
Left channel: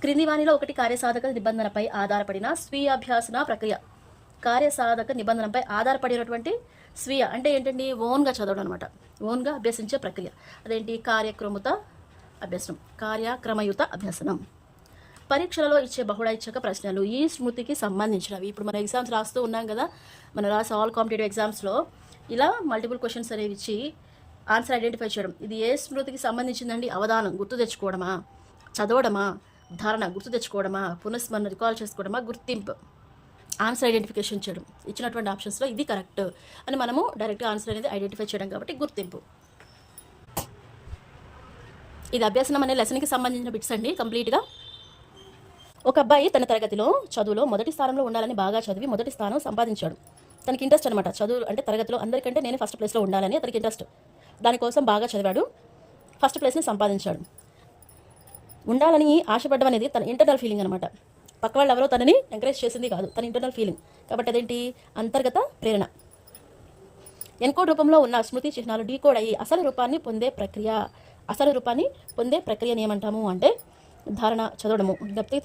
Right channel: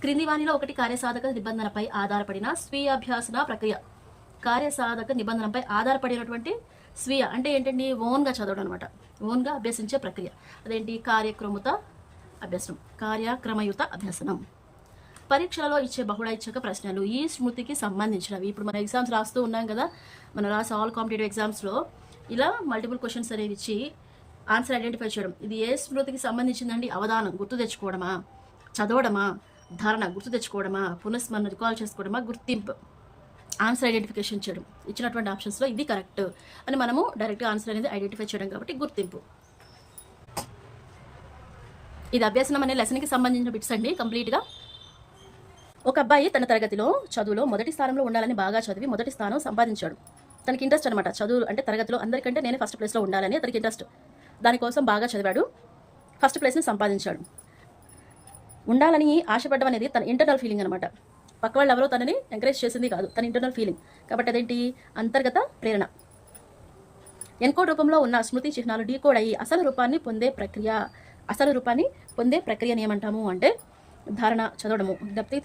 క్రింది వానిలో ఒకటి కార్యసాధక నిబంధనపై ఆధారపడిన స్వీయ అభ్యాసన ప్రక్రియ. కార్యసాధక నిబంధనపై ఆధారపడినటువంటి స్వీయ అంటే ఏంటండి? ఓన్గా చదవడం అనమాట, ఓన్గా అభ్యసించే ప్రక్రియ. అదేంటి? కార్యక్రమయుత అభ్యసనం. పరీక్షలలో ఇచ్చే బహుళైచ్ఛిక ప్రశ్నలు ఈ స్మృతికి సంబంధించినవి. ఇప్పుడు మనం ఎగ్జామ్స్ రాస్తూ ఉన్నాం కదా, మనం రాసే ఆల్ కాంపిటేటివ్ ఎగ్జామ్స్లో ఇలా మల్టిపుల్ క్వశ్చన్స్ అనేవి ఇచ్చి ఆన్సర్ ఐడెంటిఫై చేయడం. ఇది ఏ స్మృతికి సంబంధించిందండి? అవధానం గుర్తు తెచ్చుకోవడమా, చదవడమా, ధారణ గుర్తు తెచ్చుకోవడమా, పునఃస్మరణ రికాల్ చేసుకోవడమా, గుర్తింపు, ఆన్సర్ ఐడెంటిఫికేషన్ చేయడం. ఇచ్చినటువంటి ఆప్షన్స్లో ఇది కరెక్ట్ అని మనము డైరెక్ట్గా ఆన్సర్ అనేది ఐడెంటిఫై చేయడం కాబట్టి గుర్తింపు. ఇది అభ్యసనం అనే లెసన్కి సంబంధించిన బిట్స్ అండి కంప్లీట్గా. ఒక అబ్బాయి తన తరగతిలో చదువులో మొదటి స్థానంలో ఉండాలని బాగా చదివి మొదటి స్థానం సంపాదించాడు. తనకి ఇంట్రెస్ట్ అనమాట, చదువు అంటే తరగతిలో అందరికంటే నేనే ఫస్ట్ ప్లేస్లో ఉండాలని అతనికి ఇంట్రెస్ట్. దానికోసం బాగా చదివాడు, ఫస్ట్ ప్లేస్ని సంపాదించాడు. ఉండాలని ఆశపడడం అనేది తన ఇంటర్నల్ ఫీలింగ్ అనమాట. పక్క వాళ్ళు ఎవరో తనని ఎంకరేజ్ చేసింది కాదు, తన ఇంటర్నల్ ఫీలింగ్. కాబట్టి అదేంటి? అంతర్గత ప్రేరణ. ఎన్కోడ్ రూపంలో ఉన్న స్మృతి చిహ్నాలు డీకోడ్ అయ్యి అసలు రూపాన్ని పొందే ప్రక్రియని ఏమంటాము అంటే ధారణ, చదవడము, జ్ఞప్తికి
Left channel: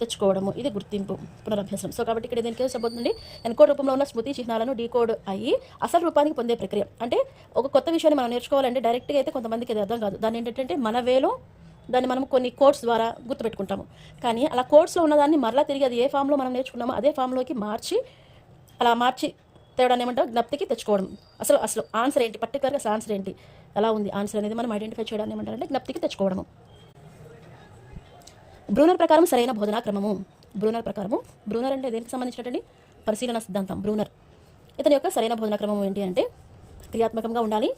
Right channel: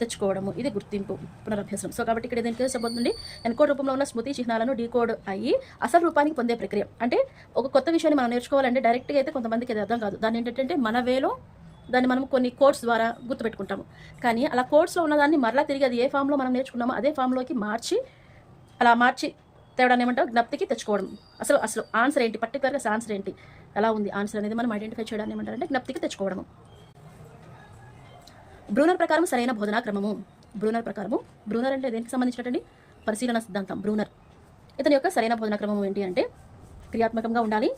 తెచ్చుకోవడము. ఇది గుర్తింపు, పునరభ్యాసం. సో కాబట్టి ఇక్కడ దేనికి చెప్పబోతుంది? ఎన్కోడ్ రూపంలో ఉన్న స్మృతి చిహ్నాలను డీకోడ్ అయ్యి అసలు రూపానికి పొందే ప్రక్రియ. అంటే ఒక కొత్త విషయాన్ని మనం నేర్చుకోవాలంటే డైరెక్ట్గా అయితే కొంతమందికి అది అర్థం కాదు. దాన్ని ఏంటంటే మన వేలో దాన్ని మనం కొన్ని కోడ్స్ ద్వారా గుర్తుపెట్టుకుంటాము. కానీ అలా కోడ్స్లో ఉన్నదాన్ని మరలా తిరిగి అది ఏ ఫామ్లో మనం నేర్చుకున్నామో అదే ఫామ్లోకి మార్చి తేవడాన్ని ఏమంటారు? జ్ఞప్తికి తెచ్చుకోవడం. అసలు ఆన్సర్ ఏంటి, పర్టికులర్గా ఆన్సర్ ఏంటి, ఎలా ఉంది ఆన్సర్ అనేది మనం ఐడెంటిఫై చేయడాన్ని ఏమంటారంటే జ్ఞప్తికి తెచ్చుకోవడము. బ్రూనర్ ప్రకారం సరైన బోధనా క్రమము. బ్రూనర్ అంటే దేనికి సంబంధించినటువంటి పరిశీలన సిద్ధాంతం. బ్రూనర్ ఇతని యొక్క సరైన బోధనా క్రమం ఏంటి అంటే క్రియాత్మకంగా ఉండాలి,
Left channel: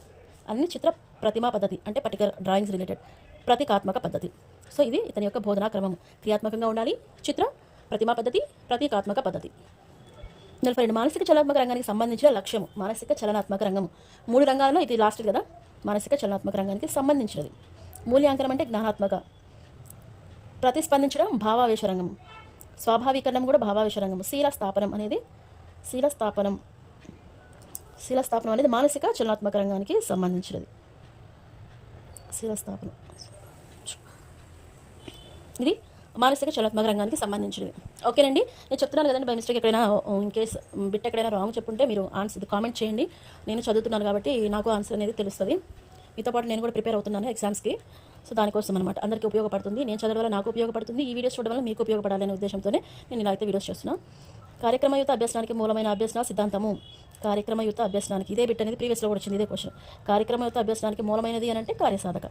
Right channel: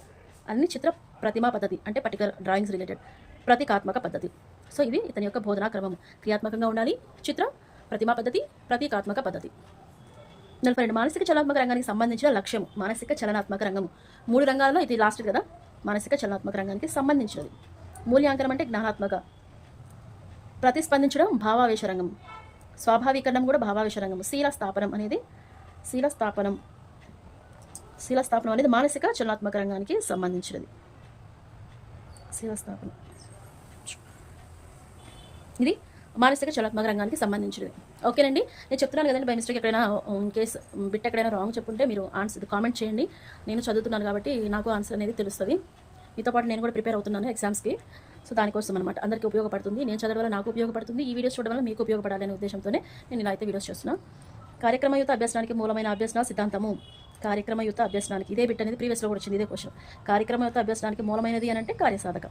అన్ని చిత్ర ప్రతిమా పద్ధతి అంటే పర్టికులర్ డ్రాయింగ్స్ రిలేటెడ్ ప్రతీకాత్మక పద్ధతి. సో ఇది ఇతని యొక్క బోధనా క్రమం. క్రియాత్మకంగా ఉండాలి, చిత్ర ప్రతిమా పద్ధతి, ప్రతీకాత్మక పద్ధతి. 42 మానసిక చలనాత్మక రంగానికి సంబంధించిన లక్ష్యం. మానసిక చలనాత్మక రంగము 3 రంగాల్లో ఇది లాస్ట్ కదా. మానసిక చలనాత్మక రంగానికి సంబంధించినది. మూల్యాంకనం అంటే జ్ఞానాత్మక, ప్రతిస్పందించడం భావావేశ రంగం, స్వాభావీకరణం కూడా భావావేశ రంగం. శీలస్థాపనం అనేది మానసిక చలనాత్మక రంగానికి సంబంధించినది. శీలస్థాపనం ఇది మానసిక చలనాత్మక రంగానికి సంబంధించినవి. ఓకేనండి, నేను చెప్తున్నాను కదండి, బై మిస్టేక్ ఎక్కడైనా ఇన్ కేస్ బిట్ ఎక్కడైనా రాంగ్ చెప్పుంటే మీరు ఆన్సర్ కామెంట్ చేయండి. నేను చదువుతున్నాను కాబట్టి నాకు ఆన్సర్ అనేది తెలుస్తుంది. మీతో పాటు నేను కూడా ప్రిపేర్ అవుతున్నాను ఎగ్జామ్స్కి. సో దానికోసం అనమాట, అందరికీ ఉపయోగపడుతుంది. నేను చదవడం వల్ల నాకు ఉపయోగపడుతుంది, ఈ వీడియోస్ చూడడం వల్ల మీకు ఉపయోగపడాలనే ఉద్దేశంతోనే నేను ఇలా అయితే వీడియోస్ చేస్తున్నాను. కార్యక్రమయుత అభ్యసనానికి మూలమైన అభ్యసన సిద్ధాంతము. కార్యక్రమయుత అభ్యసనానికి ఇదే బిట్ అనేది ప్రీవియస్లో కూడా వచ్చింది, ఇదే క్వశ్చన్. కార్యక్రమయుత అభ్యసనానికి మూలమైనది అని అంటే కార్యసాధక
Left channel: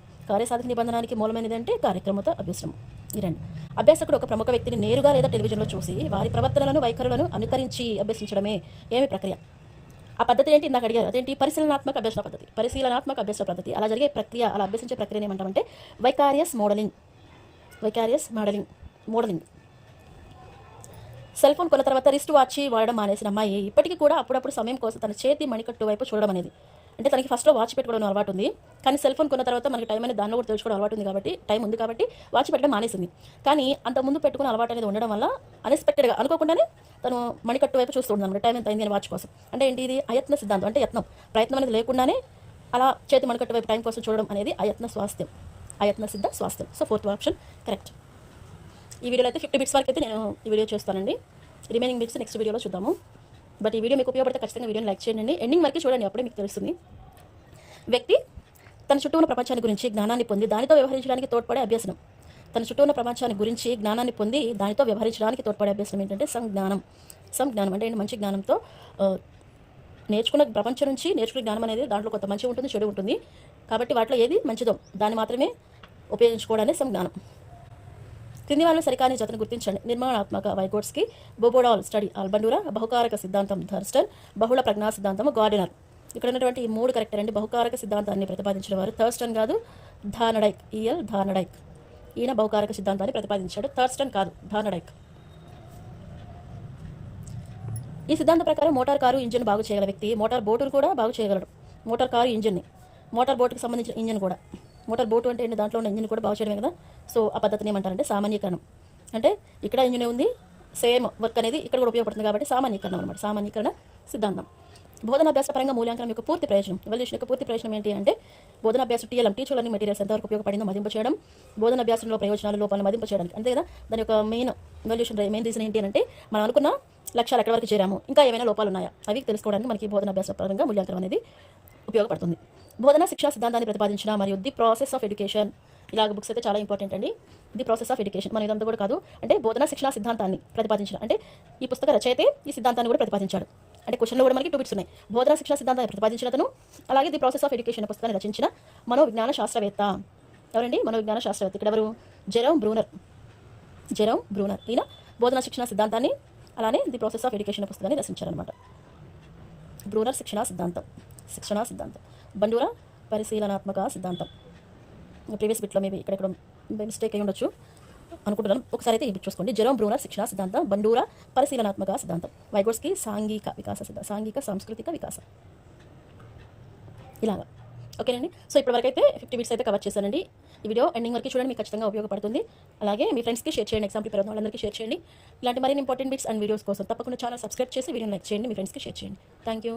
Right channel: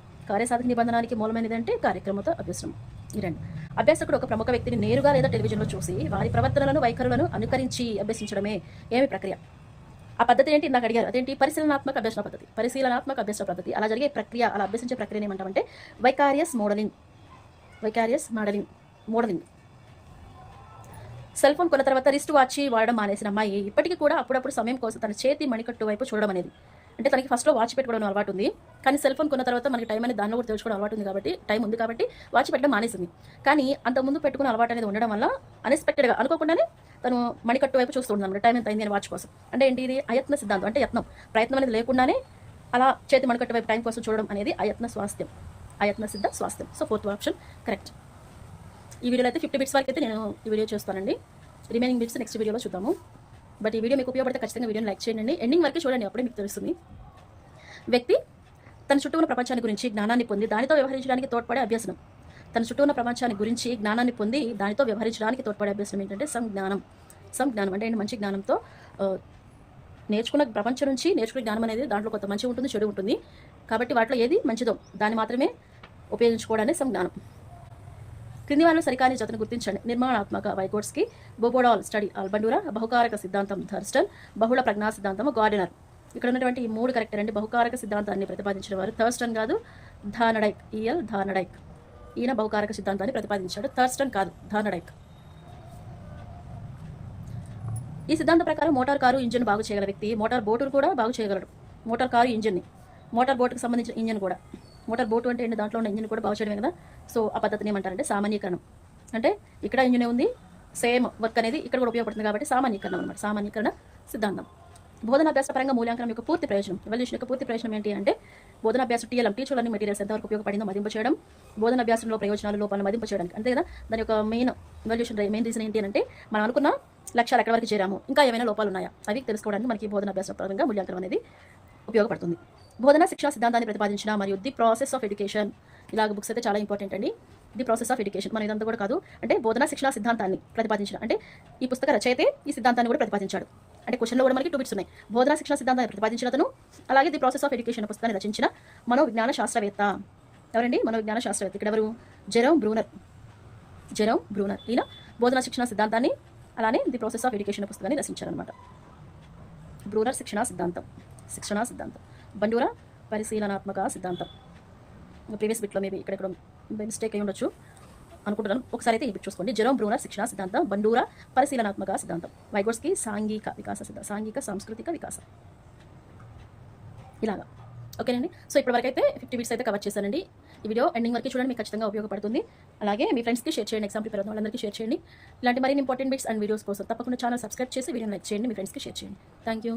నిబంధనానికి మూలమైనది అంటే కార్యక్రమయుత అభ్యసనం. ఈ రెండు. అభ్యాసకుడు ఒక ప్రముఖ వ్యక్తిని నేరుగా లేదా టెలివిజన్లో చూసి వారి ప్రవర్తనలను, వైఖరులను అనుకరించి అభ్యసించడమే ఏమి ప్రక్రియ? ఆ పద్ధతి ఏంటి నాకు అడిగారు, అదేంటి? పరిశీలనాత్మక అభ్యసన పద్ధతి. అలా జరిగే ప్రక్రియ, అలా అభ్యసించే ప్రక్రియను ఏమంటామంటే వైకారియస్ మోడలింగ్. మోడలింగ్. సెల్ ఫోన్ కొన్న తర్వాత రిస్ట్ వాచ్ వాడడం మానేసిన అమ్మాయి ఇప్పటికీ కూడా అప్పుడప్పుడు సమయం కోసం తన చేతి మణికట్టు వైపు చూడడం అనేది, అంటే తనకి ఫస్ట్లో వాచ్ పెట్టుకోవడం అలవాటు ఉంది, కానీ సెల్ ఫోన్ కొన్న తర్వాత మనకి టైం అనేది దానిలో కూడా తెలుసుకోవడం అలవాటు ఉంది కాబట్టి, టైం ఉంది కాబట్టి వాచ్ పెట్టడం మానేసింది. కానీ అంతకుముందు పెట్టుకున్న అలవాటు అనేది ఉండడం వల్ల అన్ఎక్స్పెక్టెడ్గా అనుకోకుండానే తను మణికట్టు వైపు చూస్తూ ఉన్నాను టైం ఎంత అయింది అని వాచ్ కోసం. అంటే ఏంటి ఇది అయత్న సిద్ధాంతం, అంటే యత్నం ప్రయత్నం అనేది లేకుండానే అలా చేతి మణికట్టు వైపు టైం కోసం చూడడం అనేది అయత్న స్వాస్థ్యం, అయత్న సిద్ధ స్వాస్థ్యం. So 4th option correct. ఈ వీడియోలో అయితే 50 బిట్స్ వరకు అయితే నేను ఈ వీడియో చేస్తానండి. రిమైనింగ్ బిట్స్ నెక్స్ట్ వీడియోలో చూద్దాము. బట్ ఈ వీడియో మీకు ఉపయోగపడితే ఖచ్చితంగా వీడియోని లైక్ చేయండి, ఎండింగ్ వరకు చూడండి, అప్పుడే మీకు తెలుస్తుంది. వ్యక్తి తన చుట్టూ ఉన్న ప్రపంచాన్ని గురించి జ్ఞానాన్ని పొంది దానితో వ్యవహరించడానికి తోడ్పడే అభ్యసనం. తన చుట్టూ ఉన్న ప్రపంచాన్ని గురించి జ్ఞానాన్ని పొంది దానితో వ్యవహరించడానికి తోడ్పడే అభ్యసనం ఏంటంటే సంజ్ఞానం. సంజ్ఞానం అంటే మంచి జ్ఞానంతో నేర్చుకున్న ప్రపంచం నుంచి నేర్చుకునే జ్ఞానం అనేది దాంట్లో కొంత మంచి ఉంటుంది, చెడు ఉంటుంది, కాబట్టి వాటిలో ఏది మంచిదో దాన్ని మాత్రమే ఉపయోగించుకోవడానికి సంజ్ఞానం. క్రింది వాళ్ళని సరికాని జతను గుర్తించండి. నిర్మాణాత్మక వైగోట్స్కి, బోబోడాల్ స్టడీ ఆల్బండూరా, బహుకారక సిద్ధాంతం థర్స్టన్, బహుళ ప్రజ్ఞా సిద్ధాంతం గార్డినర్. ఇక్కడ ఉన్నటువంటి ఈ 3 కరెక్ట్ అండి. బహుకారక సిద్ధాంతాన్ని ప్రతిపాదించిన వారు థర్స్టన్ కాదు, థార్నడైక్, ఈఎల్ థార్నడైక్. ఈయన బహుకారక సిద్ధాంతాన్ని ప్రతిపాదించాడు, థర్స్టన్ కాదు, థార్నడైక్. ఈ సిద్ధాంతం ప్రకారం మోటార్ కారు ఇంజిన్ బాగు చేయగల వ్యక్తి మోటార్ బోటును కూడా బాగు చేయగలడు. మోటార్ కారు ఇంజిన్ని, మోటార్ బోటుకు సంబంధించిన ఇంజిన్ కూడా, మోటార్ బోటు అంటే దాంట్లో ఉన్న ఇంజిన్ కూడా బాగు చేయడమే కదా. సో ఆ పద్ధతిని ఏమంటారంటే సామాన్యీకరణం. అంటే ఇక్కడ ఇంజిన్ ఉంది, సేమ్ వర్క్ అనేది ఇక్కడ కూడా ఉపయోగపడుతుంది కాబట్టి సామాన్యీకరణం అనమాట, సామాన్యీకరణ సిద్ధాంతం. బోధనాభ్యాస పరంగా మూల్యాంకనం యొక్క పూర్తి ప్రయోజనం. ఎవల్యూషన్ యొక్క పూర్తి ప్రయోజనం ఏంటి అంటే బోధనాభ్యాసం టీఎల్ఎం, టీచర్ లెర్నింగ్ మెటీరియల్స్ ఎంతవరకు ఉపయోగపడిందో మదింపు చేయడం, బోధనాభ్యాసంలో ప్రయోజనాలు లోపాలను మదింపు చేయడానికి, అంతే కదా. దాని యొక్క మెయిన్ రీజన్ ఏంటి అంటే మనం అనుకున్న లక్ష్యాలు ఎక్కడి వరకు చేరాము, ఇంకా ఏమైనా లోపాలు ఉన్నాయా అవి తెలుసుకోవడానికి మనకి బోధనాభ్యాస పరంగా మూల్యాంకనం అనేది ఉపయోగపడుతుంది. బోధన శిక్షణ సిద్ధాంతాన్ని ప్రతిపాదించిన మరియు ది ప్రాసెస్ ఆఫ్ ఎడ్యుకేషన్, ఇలాగ బుక్స్ అయితే చాలా ఇంపార్టెంట్ అండి. ది ప్రాసెస్ ఆఫ్ ఎడ్యుకేషన్ మన ఇదంతా కూడా కాదు, అంటే బోధన శిక్షణ సిద్ధాంతాన్ని ప్రతిపాదించిన, అంటే ఈ పుస్తక రచయితే ఈ సిద్ధాంతాన్ని కూడా ప్రతిపాదించాడు. అంటే క్వశ్చన్లో కూడా మనకి 2 బిట్స్ ఉన్నాయి. బోధన శిక్షణ సిద్ధాంతాన్ని ప్రతిపాదించిన అతను, అలాగే ది ప్రాసెస్ ఆఫ్ ఎడ్యుకేషన్ పుస్తకాన్ని రచించిన మనోవిజ్ఞాన శాస్త్రవేత్త. ఎవరండి మనోవిజ్ఞాన శాస్త్రవేత్త? ఇక్కడ ఎవరు? Jerome Bruner. జెరోమ్ బ్రూనర్ ఈయన బోధన శిక్షణ సిద్ధాంతాన్ని అలానే ది ప్రాసెస్ ఆఫ్ ఎడ్యుకేషన్ పుస్తకాన్ని రచించారనమాట. బ్రూనర్ శిక్షణ సిద్ధాంతం, బండూరా పరిశీలనాత్మక సిద్ధాంతం. ప్రీవియస్ బిట్లో మేబీ ఇక్కడ మిస్టేక్ అయి ఉండొచ్చు అనుకుంటున్నాను, ఒకసారి అయితే ఈ బిట్ చూసుకోండి. జెరోమ్ బ్రూనర్ శిక్షణ సిద్ధాంతం, బండూరా పరిశీలనాత్మక సిద్ధాంతం. వైగోట్స్కి సాంఘిక వికాస సిద్ధాంతం, సాంఘిక సాంస్కృతిక వికాసం. ఇలాగా ఓకేనండి. సో ఇప్పటివరకు అయితే 50 బిట్స్ అయితే కవర్ చేశానండి. ఈ వీడియో ఎండింగ్ వరకు చూడండి, మీకు ఖచ్చితంగా ఉపయోగపడుతుంది. అలాగే మీ ఫ్రెండ్స్కి షేర్ చేయండి, ఎగ్జామ్ ప్రిపేర్ అవుతున్న వాళ్ళందరికీ షేర్ చేయండి. ఇలాంటి మరిన్ని ఇంపార్టెంట్ బిట్స్ అండ్ వీడియోస్ కోసం తప్పకుండా ఛానల్ సబ్స్క్రైబ్ చేసి వీడియోని లైక్ చేయండి, మీ ఫ్రెండ్స్కి షేర్ చేయండి. Thank you.